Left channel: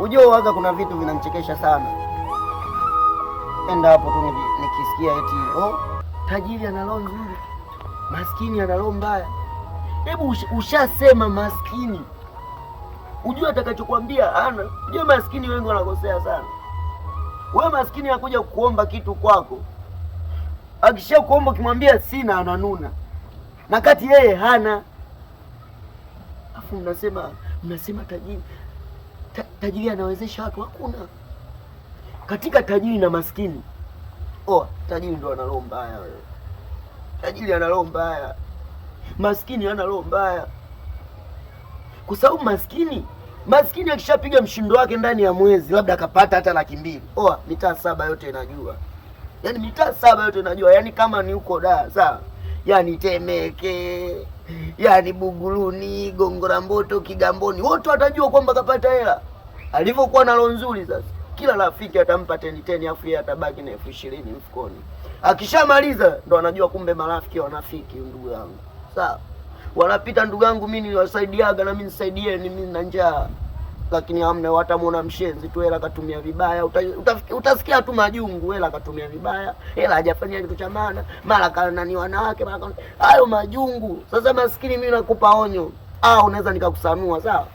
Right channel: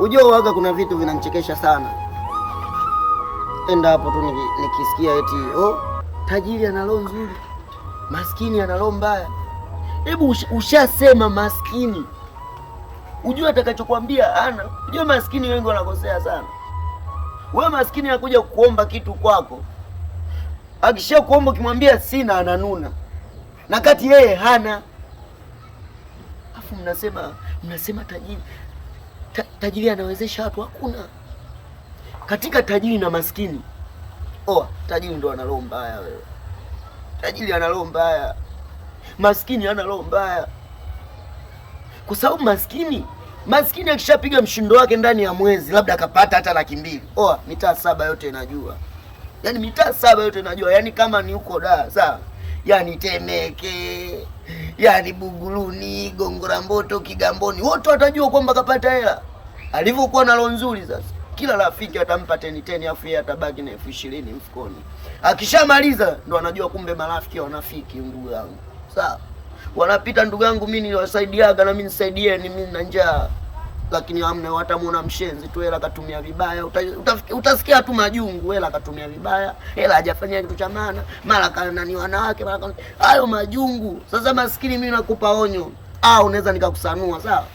Unajua waga kuna vitu vinanichekesha sana. Enda hapo tu nikisikia eti tajiri ana roho nzuri, maskini ana roho mbaya. Hebu ushasema maskini, ujue atakachokwambia ana. Unajua maskini wengi wanakosea sana. Wewe maskini anakuja kukuomba kitu kwako, akisha kuomba ukimwambia sina, ananuna, na kati yeye hana. Afu mnasema tajiri tajiri anawezesha watu. Hakuna. Katika tajiri na maskini, tajiri ndo ana roho mbaya. Wewe tajiri ana roho mbaya, maskini hana roho mbaya. Kwa sababu maskini akishapiga mshindo wake ndani ya mwezi, labda akapata hata 200,000, mitaa 7 yote inajua. Yaani mitaa 7 yote inajua. Yaani kama ni huko Dar, sawa, yaani Temeke, yaani Buguruni, Gongo la Mboto, Kigamboni, wote watajua kwamba kapata hela. Alivyokuwa na roho nzuri, sasa kila rafiki atampa 10 afu yeye atabaki na 20,000 mfukoni. Akishamaliza ndo anajua kumbe marafiki wanafiki, ndugu yangu. Sawa, wanapita ndugu yangu, mimi niliwasaidiaga na mimi nisaidieni, mimi na njaa. Lakini hamna, watamuona mshenzi tu, hela katumia vibaya. Utasikia tu majungu, hela katumia vibaya, hela hajafanya kitu cha maana, mara kanani wanawake, mara hayo majungu. Sasa maskini, mimi nakupa onyo, unaweza nikakusanua. Sawa,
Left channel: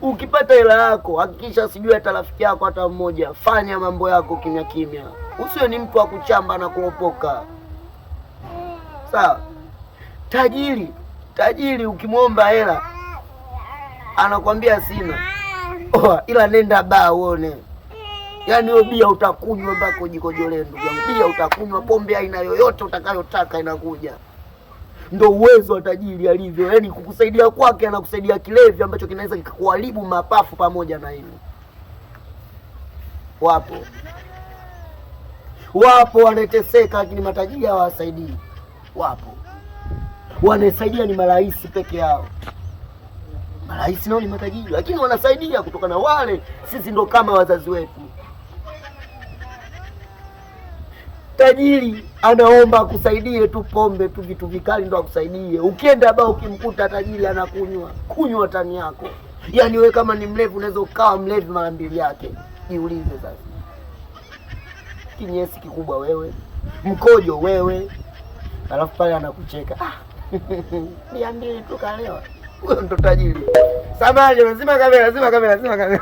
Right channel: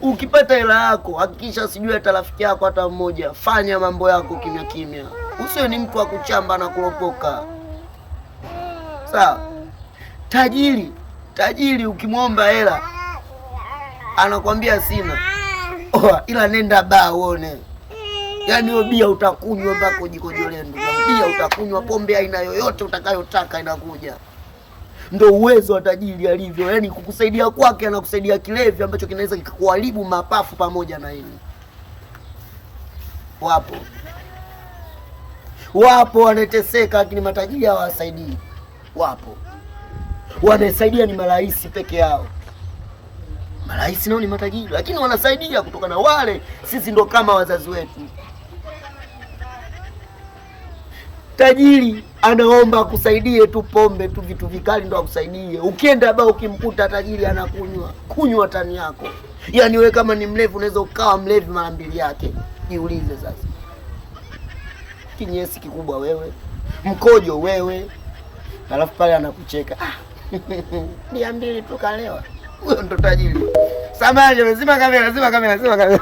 ukipata hela yako hakikisha sijui hata rafiki yako hata mmoja. Fanya mambo yako kimya kimya, usiwe ni mtu wa kuchamba na kulopoka. Sawa, tajiri ukimwomba hela anakwambia sina, ila nenda baa uone. Yaani hiyo bia utakunywa mpaka ujikojolee, ndugu yangu. Bia utakunywa, pombe aina yoyote utakayotaka inakuja. Ndo uwezo wa tajiri alivyo. Yaani kukusaidia kwake, anakusaidia kilevi ambacho kinaweza kikuharibu mapafu pamoja na hili. Wapo wanateseka, lakini matajiri hawasaidii. Wapo wanasaidia ni marais peke yao. Marais nao ni matajiri, lakini wanasaidia kutokana na wale. Sisi ndo kama wazazi wetu. Tajiri anaomba akusaidie tu pombe tu, vitu vikali ndo akusaidie. Ukienda baa ukimkuta tajiri kunywa tani yako. Yaani wewe kama ni mlevi unaweza ukawa mlevi mara 2 yake. Jiulize sasa. Kinyesi kikubwa wewe, mkojo wewe, alafu pale anakucheka. 200 tukalewa. Huyo ndo tajiri. Samahani, lazima kamera.